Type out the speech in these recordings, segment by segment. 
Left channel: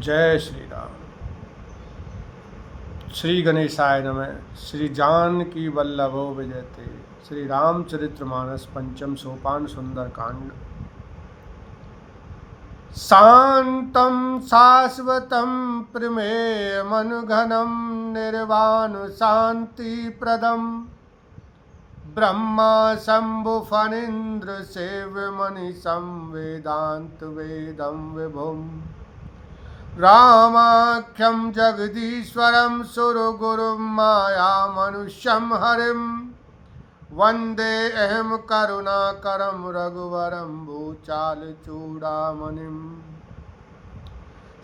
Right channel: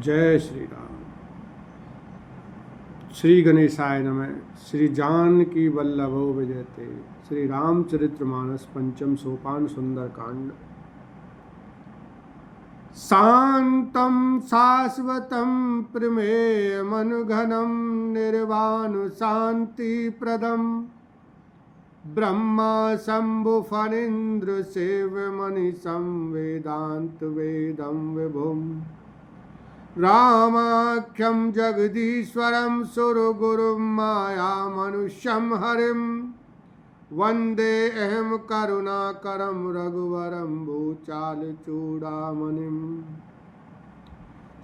जय श्री राम। श्री गणेशाय नमः। श्री जानकी वल्लभो विजयते। श्री रामचरितमानस पंचम सोपान सुंदर कांड। शांतं शाश्वतं प्रमेयमनुघनं निर्वाण शांतिप्रदं ब्रह्मा शंभु फणीन्द्र सेव्यमनिशं वेदांत वेदं विभुम् रामाख्यं जगदीश्वरं सुरगुरुं माया मनुष्यं हरिं वन्दे अहं करुणाकरं रघुवरं भूचाल चूड़ामणिं।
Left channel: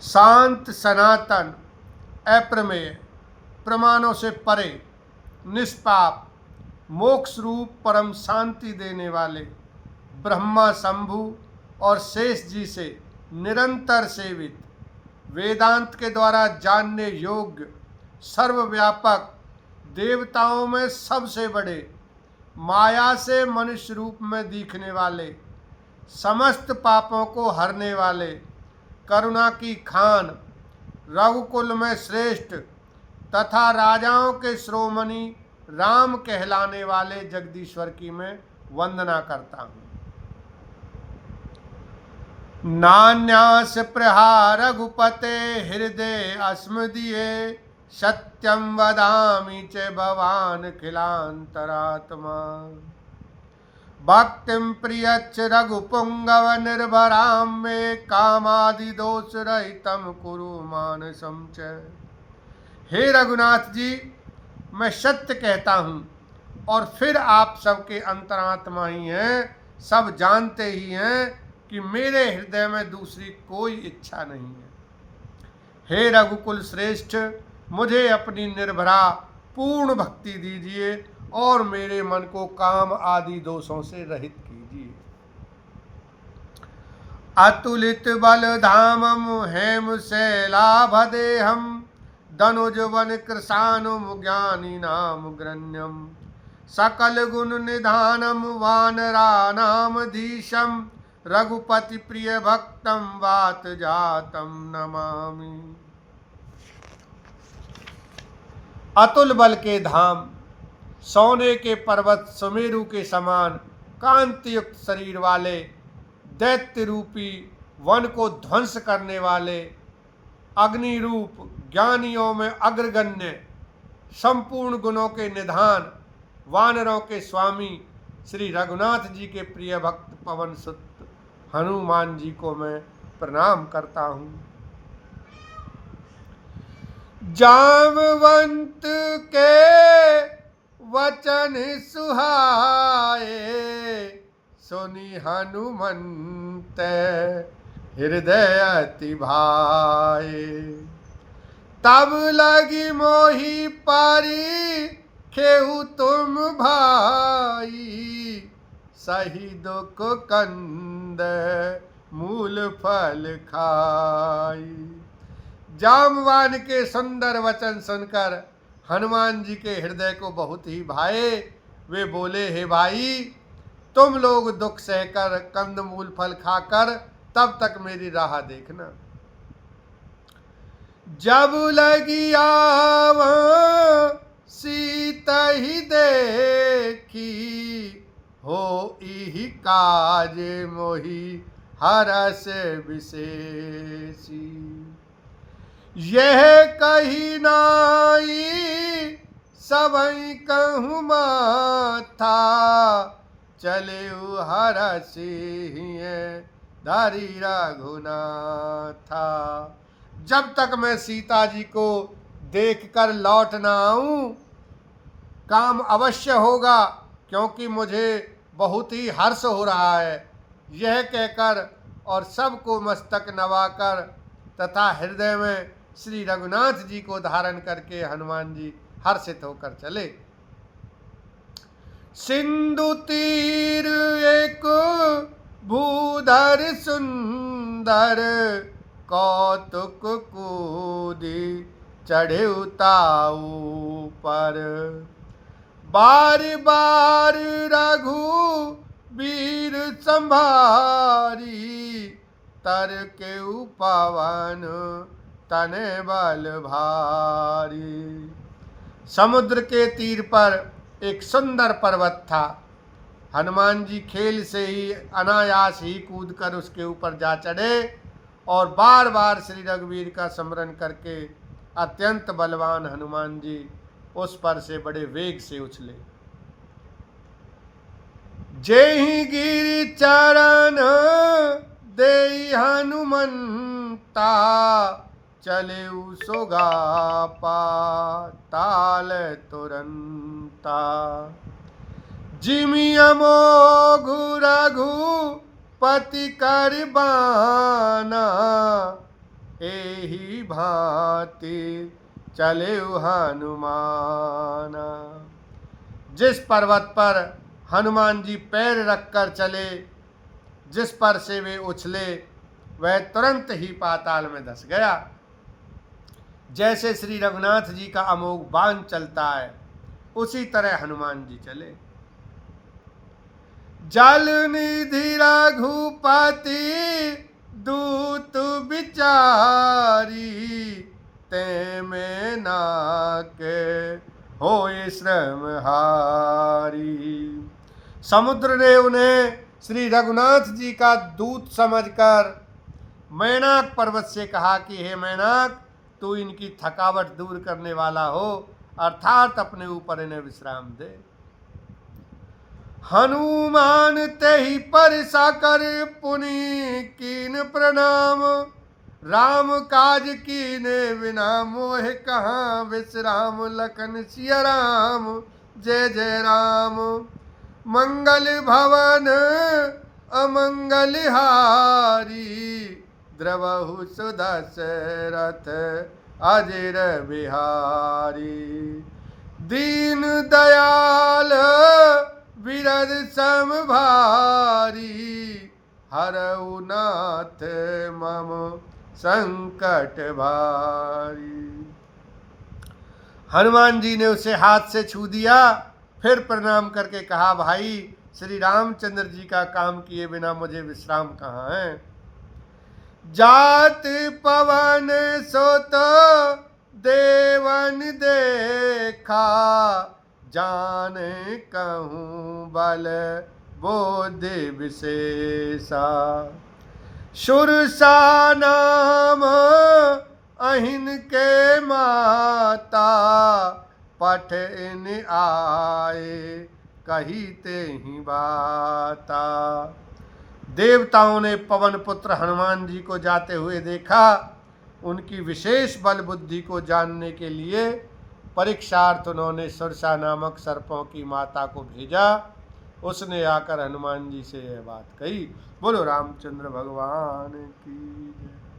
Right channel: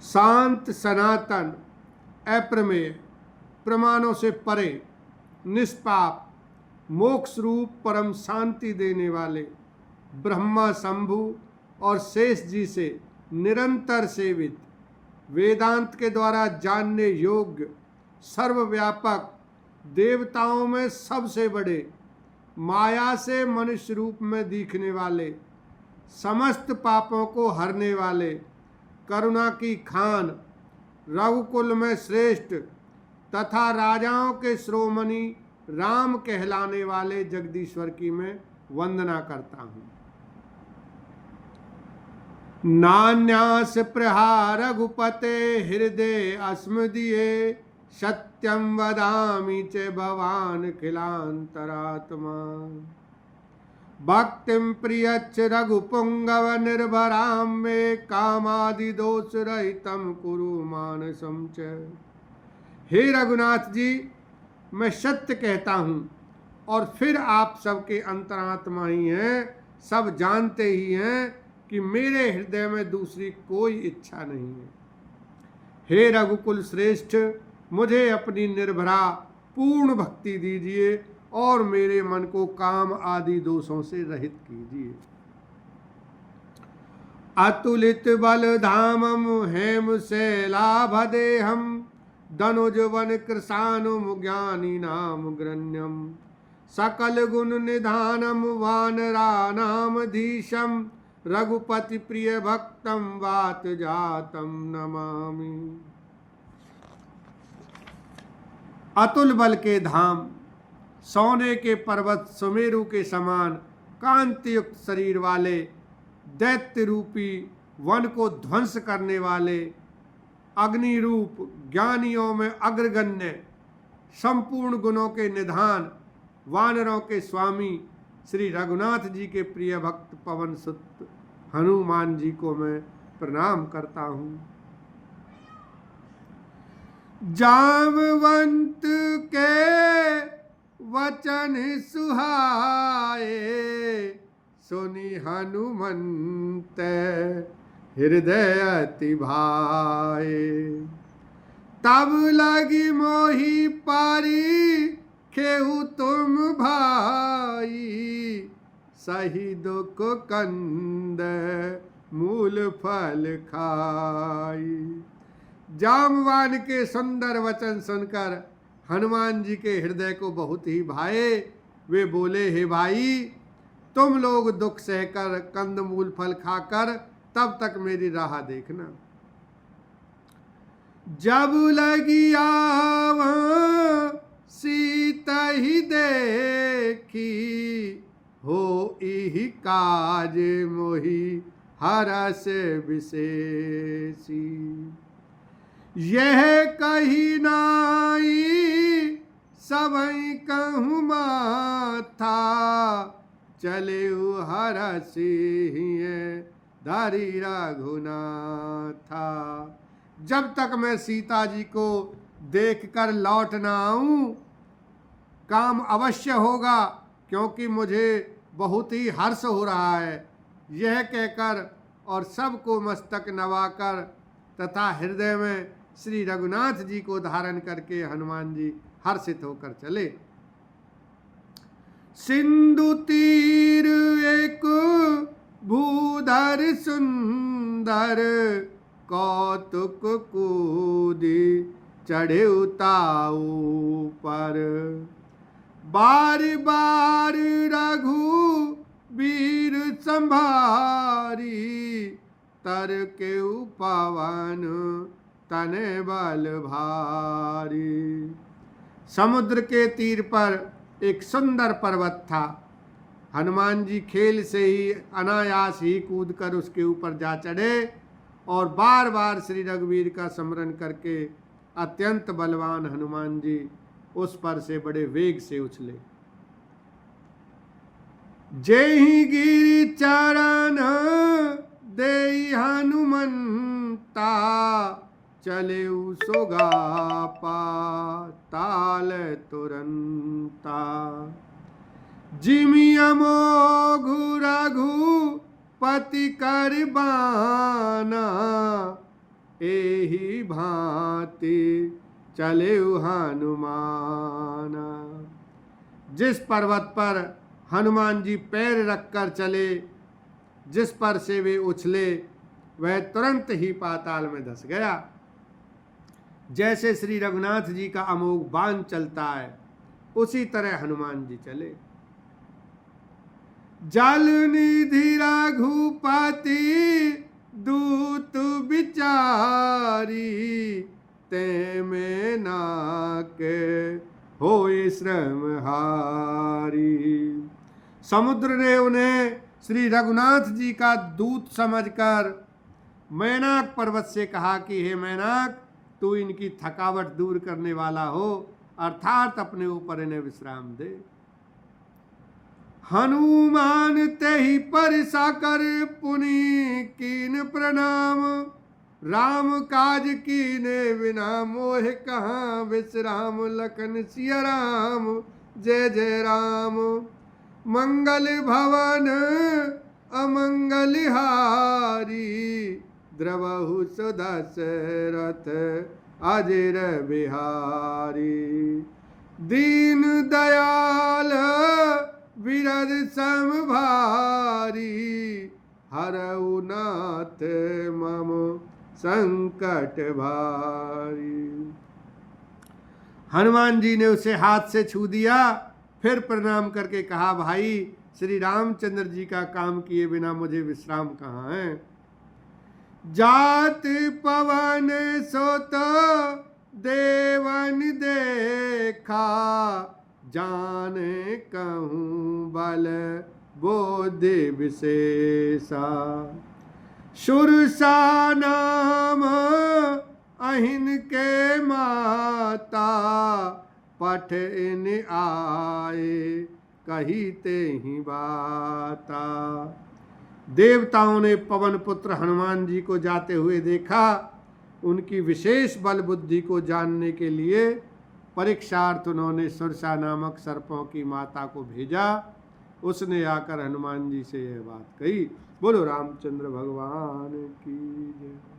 शांत, सनातन, अप्रमेय, प्रमाणों से परे, निष्पाप, मोक्ष रूप परम शांति देने वाले ब्रह्मा शंभु और शेष जी से निरंतर सेवित, वेदांत के द्वारा जानने योग्य, सर्वव्यापक, देवताओं में सबसे बड़े, माया से मनुष्य रूप में दिखने वाले, समस्त पापों को हरने वाले, करुणा की खान, रघुकुल में श्रेष्ठ तथा राजाओं के शिरोमणि राम कहलाने वाले जगदीश्वर की मैं वंदना करता हूँ। नान्यास प्रहार रघुपते हृदय अस्मदीये सत्यं वदामि च भवान् खिलान्तरात्मा भक्तिं प्रियच्च रघुपुंगव निर्भरां मे कामादि दोष रहितं कुरु मानसं च। हे रघुनाथ जी, मैं सत्य कहता हूँ और फिर आप सबके अंतरात्मा ही हैं, सब जानते ही हैं कि मेरे हृदय में दूसरी कोई इच्छा नहीं है। हे रघुकुल श्रेष्ठ, मुझे अपनी निर्भरा पूर्ण भक्ति दीजिए और मेरे मन को काम आदि दोषों से रहित कीजिए। अतुलित बल धामम हेम शैलाभदेहम धनुज वन कृशानुम ज्ञानी नाम ग्रण्यम सकल गुण निधानम वानरा नाम धीशम रघुपति प्रिय भक्तम वात जातम नमामि। अतुल बल के धाम, सोने के पर्वत सुमेरु के समान कांतियुक्त शरीर वाले, दैत्य रूपी वन को ध्वंस करने वाले, अग्नि रूप ज्ञानियों में अग्रगण्य, संपूर्ण गुणों के निधान, वानरों के स्वामी श्री रघुनाथ जी के प्रिय भक्त पवन सुत हनुमान जी को मैं प्रणाम करता हूँ। जामवंत के वचन सुहाए सुनि हनुमंत हृदय अति भाए तब लगी मोहि पारी खेहु तुम भाई सही दुख कंद मूल फल खाई। जामवान के सुंदर वचन सुनकर हनुमान जी के हृदय को बहुत ही भाए। वे बोले, हे भाई, तुम लोग दुख सहकर कंद मूल फल खाकर तब तक मेरी राह देखना। जब लगी आवा सीता ही देखी हो इही काज मोहि हरस विशेषी। यह कही नाई सबई कहूँ माथा चले हरसी धरी रघुनाथा। जब तक मैं सीता जी को देखकर लौट ना आऊं काम अवश्य होगा, क्योंकि मुझे बहुत ही हर्ष हो रहा है। यह कहकर और सबको मस्तक नवाकर तथा हृदय में श्री रघुनाथ जी को धारण करके हनुमान जी हर्षित होकर चले। सिंधु तीर एक भूधर सुंदर कौतुक कूदी चढ़े उताऊ पर बार बार रघु वीर संभारी तर के पवन तने बल भारी। समुद्र के तीर पर एक सुंदर पर्वत था। हनुमान जी खेल से ही अनायास ही कूद कर उसके ऊपर जा चढ़े और बार बार श्री रघुवीर का स्मरण करके अत्यंत बलवान हनुमान जी उस पर से बड़े वेग से उछले। जेहि गिरि चरण देई हनुमंता, चले सोगा पाताल तुरंता। जिमि अमोघ रघुपति कर बाना, एहि भांति चले हनुमाना। जिस पर्वत पर हनुमान जी पैर रखकर चले, जिस पर से वे उछले, वह तुरंत ही पाताल में धंस गया। जैसे श्री रघुनाथ जी का अमोघ बाण चलता है, उसी तरह हनुमान जी चले। जल निधि रघुपति दूत विचारी, ते में नाक होए श्रम हारी। समुद्र ने उन्हें श्री रघुनाथ जी का दूत समझकर मैनाक पर्वत से कहा कि हे मैनाक, तू इनकी थकावट दूर करने वाला हो, अर्थात अपने ऊपर इन्हें विश्राम दे। हनुमान तेहि परिसा कर पुनि कीन प्रणाम, राम काज कीने बिना मोह कहाँ विश्राम। लखन सिया राम जय जय राम, मंगल भवन अमंगल हारी। द्रवहु सुदशरथ अजर बिहारी, दीन दयाल विरद सम भारी। हरऊ नाथ मम संकट भारी। हनुमान जी ने उसे हाथ से छू दिया, फिर प्रणाम करके कहा, भाई श्री रामचंद्र जी का काम किए बिना मुझे विश्राम कहाँ है। जात पवन सोत देवन देखा, जाने कहूँ बल बोधि विशेषा। सुरसा नाम अहिन के माता, पठ इन आए कहीते ही बाता। देवताओं ने पवन पुत्र हनुमान जी को जाते हुए देखा। उनकी विशेष बल बुद्धि को जानने के लिए परीक्षार्थ उन्होंने सुरसा नामक सर्पों की माता को भेजा। उसने आकर हनुमान जी से यह बात कही। बोलो रामचंद्र भगवान की जय।